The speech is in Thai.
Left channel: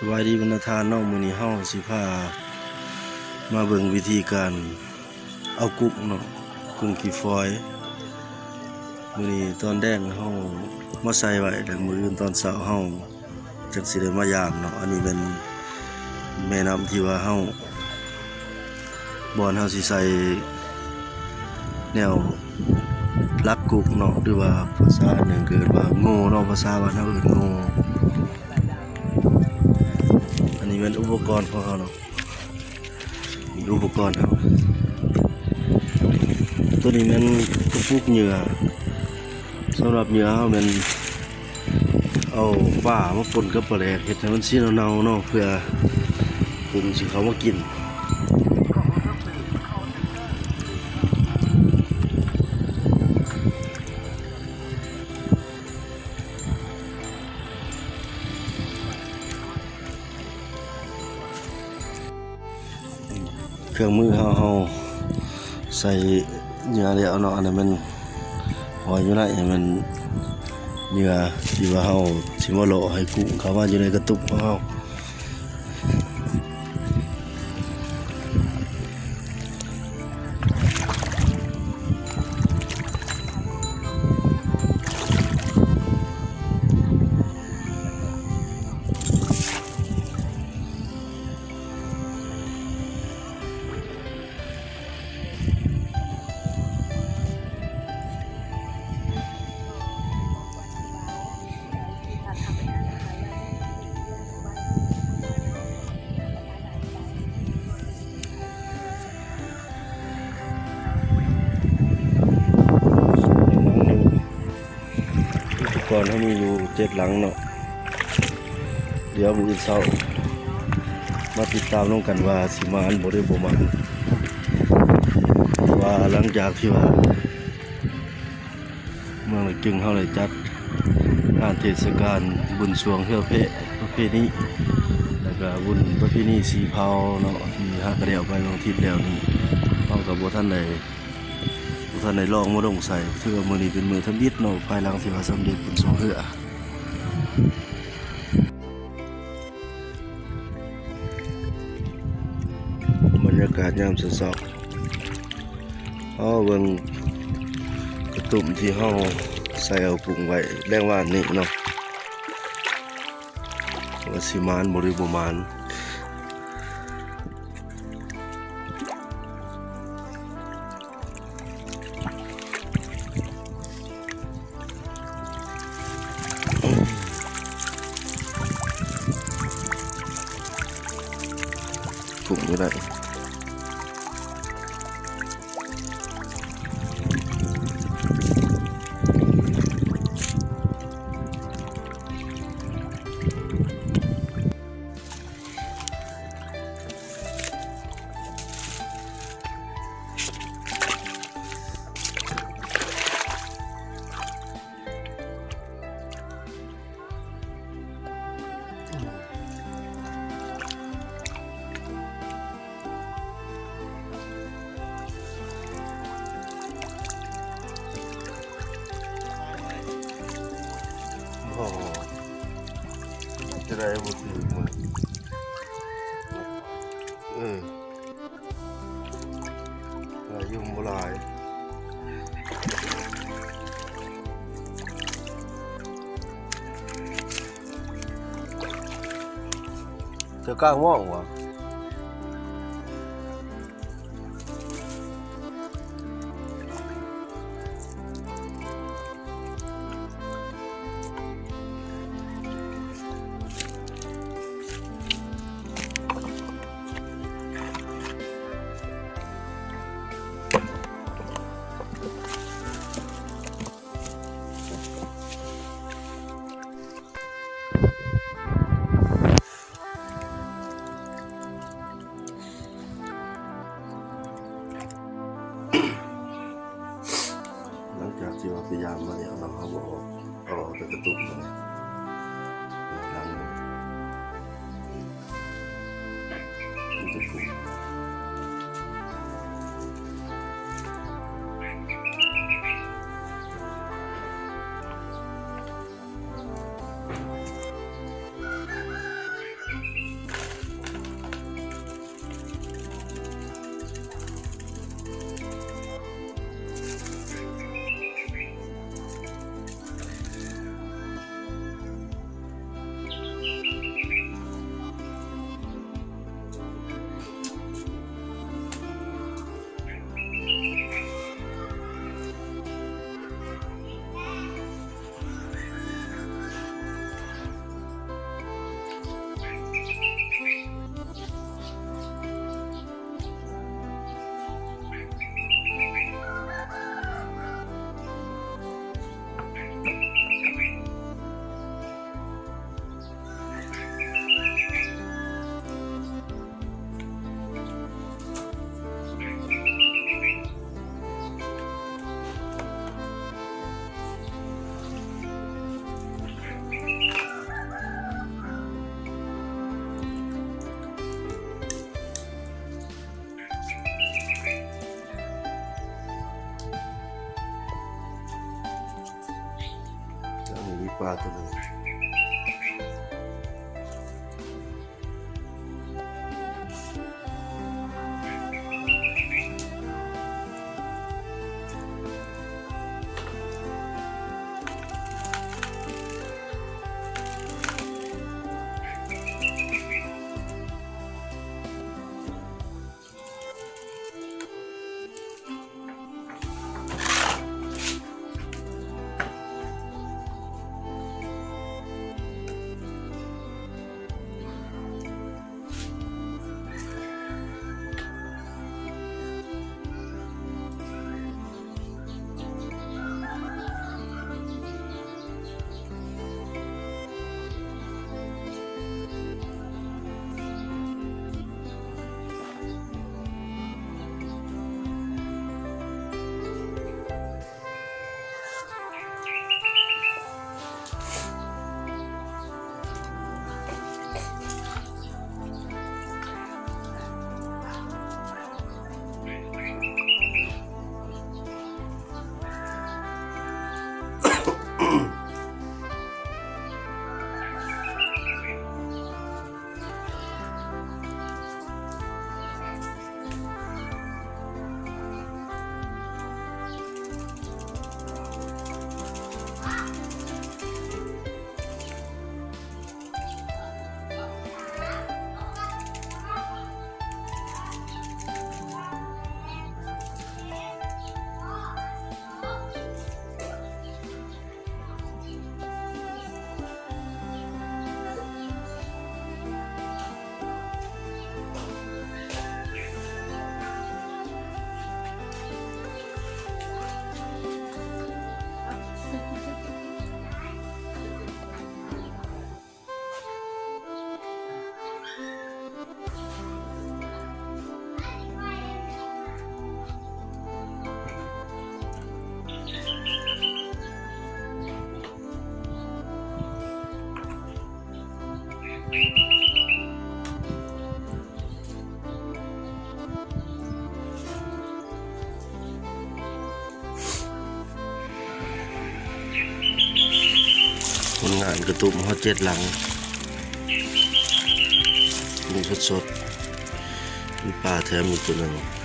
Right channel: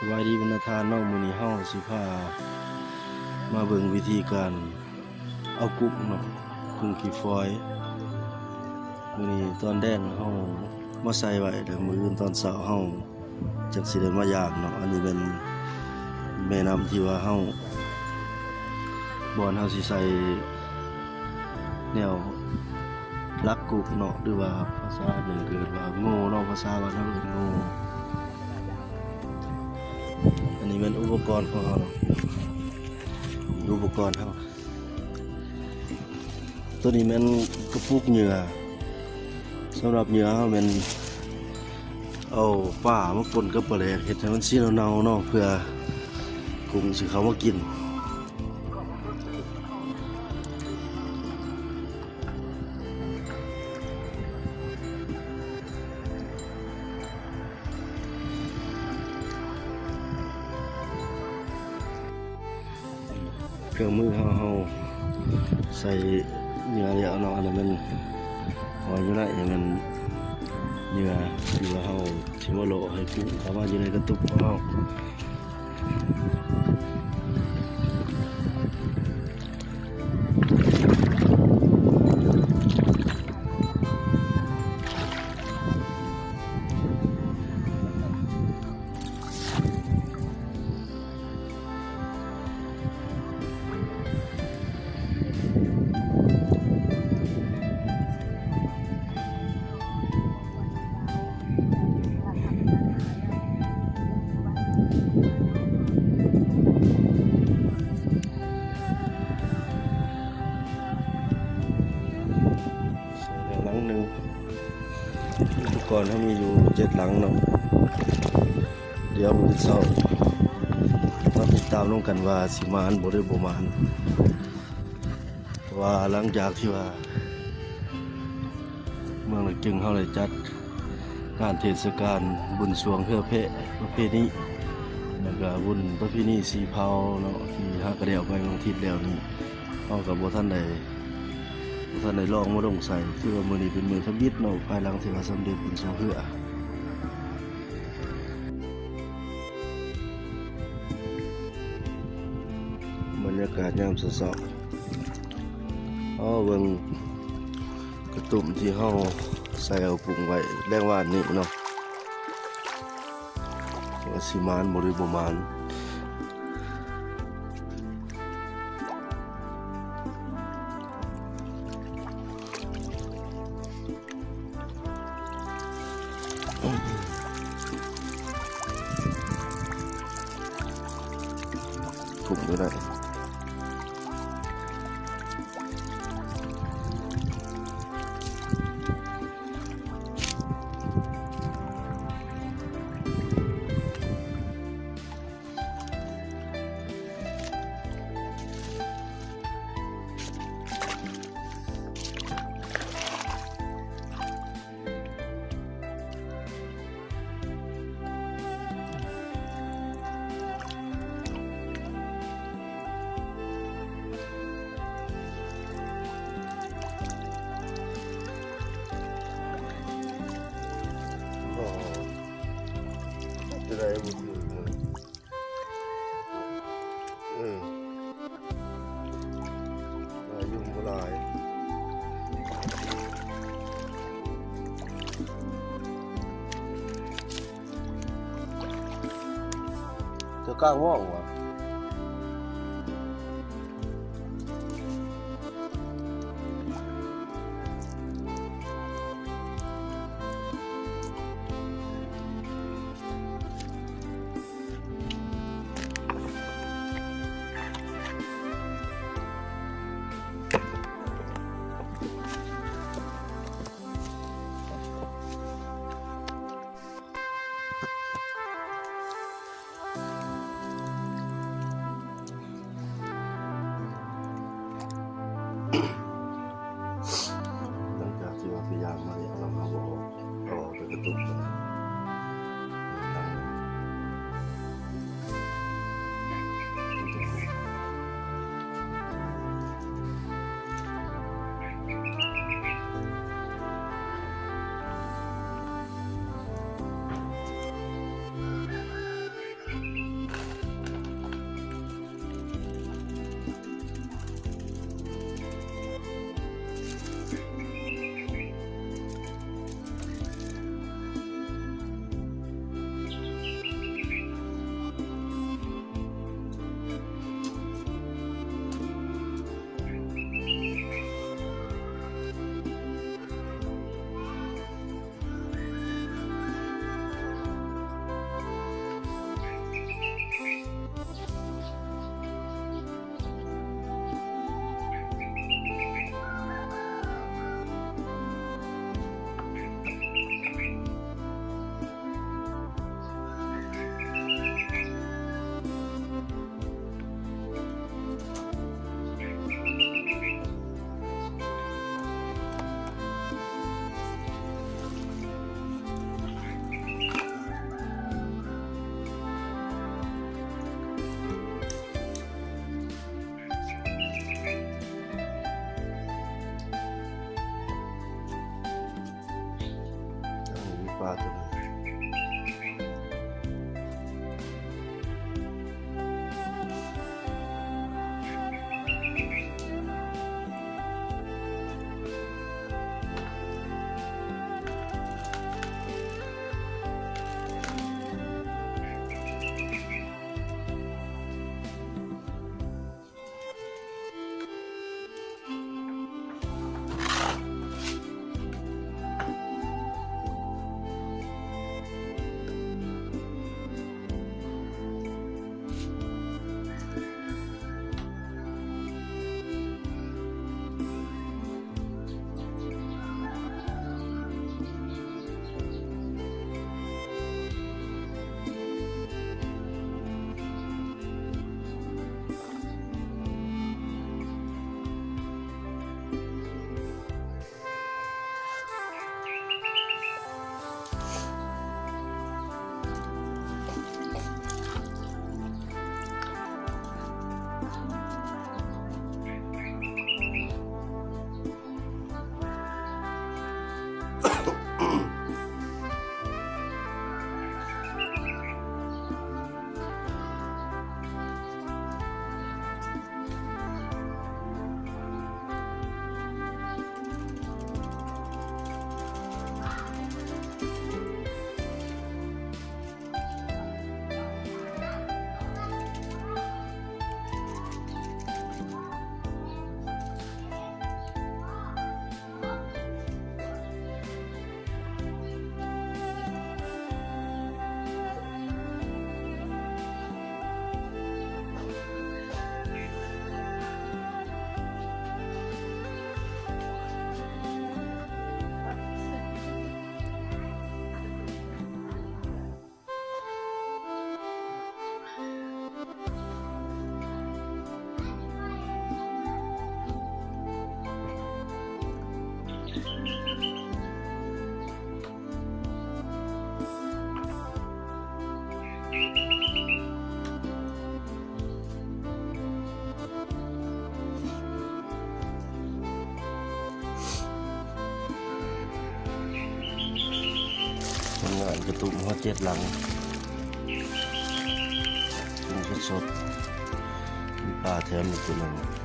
สวัสดีบรรดาทานน้องมื้อนี้เฮาสิพามาเบิ่งวิธีการเอากุ้งเนาะกุ้งกี่ฟอยมื้อนี้ตอนแดงเฮามาใส่ไว้แล้วมื้ออื่นตอนเช้าเฮาจักสิได้มาย่างเนาะอันนี้เป็นแม่น้ำที่ว่าเฮาบ่อนเฮาสิใส่แนวลักกุ้งเนาะหรือว่าภาษาหนึ่งเกิดว่าโง่เนาะภาษาบ้านเฮาเอิ้นโง่อันนี้เป็นอุปกรณ์ของเราเนาะอุปกรณ์เราตัวนี้มันกระปุกเหยื่อสำหรับเหยื่อมันเอาป่ามาปนกับปลาแหลกเห็ดให้มันสีเนาๆเนาะเพื่อกุ้งสิเขามากินเครื่องมือเฮาใส่เหยื่อแล้วเนาะอันนั้นมันหอยอยู่ไหนมันเหยื่อที่ว่าเฮาสิมาโลให้กุ้งเขาว่าอยู่ในกระตุกของเฮาก่อนเขามีอยู่7 หลังเนาะเดี๋ยวมือเช้ามาติดตามน้องกันว่าสิมาอันบ่ได้บ่มาว่าหลังจากที่ว่าเมืองจึงเขาเลยจัดงานเทศกาลบุญสรวงเฮือเพะประเพณีแล้วก็บุญประเพณีสีเผาเนาะที่ฮักกระเดียวไปบางทิศแล้วนี่เอากับบ่ท่านใดลองมาลงใส่คือมื้อนี้เป็นมื้อทำบิดเนาะภายหลังที่ว่าสำเร็จบุญสรวงเฮือบรรยากาศยามเช้าเบิ่งกระตุ่มที่เฮาใส่เอาปรุงไว้แรงว่านี่เนาะว่าสิมานบ่หรือบ่มานปรุงก็ได้กล้าว่องวะ ผลงานกระตุ้มเขา7 หลังมีสดๆมีปลาแถมอีกตัวหนึ่ง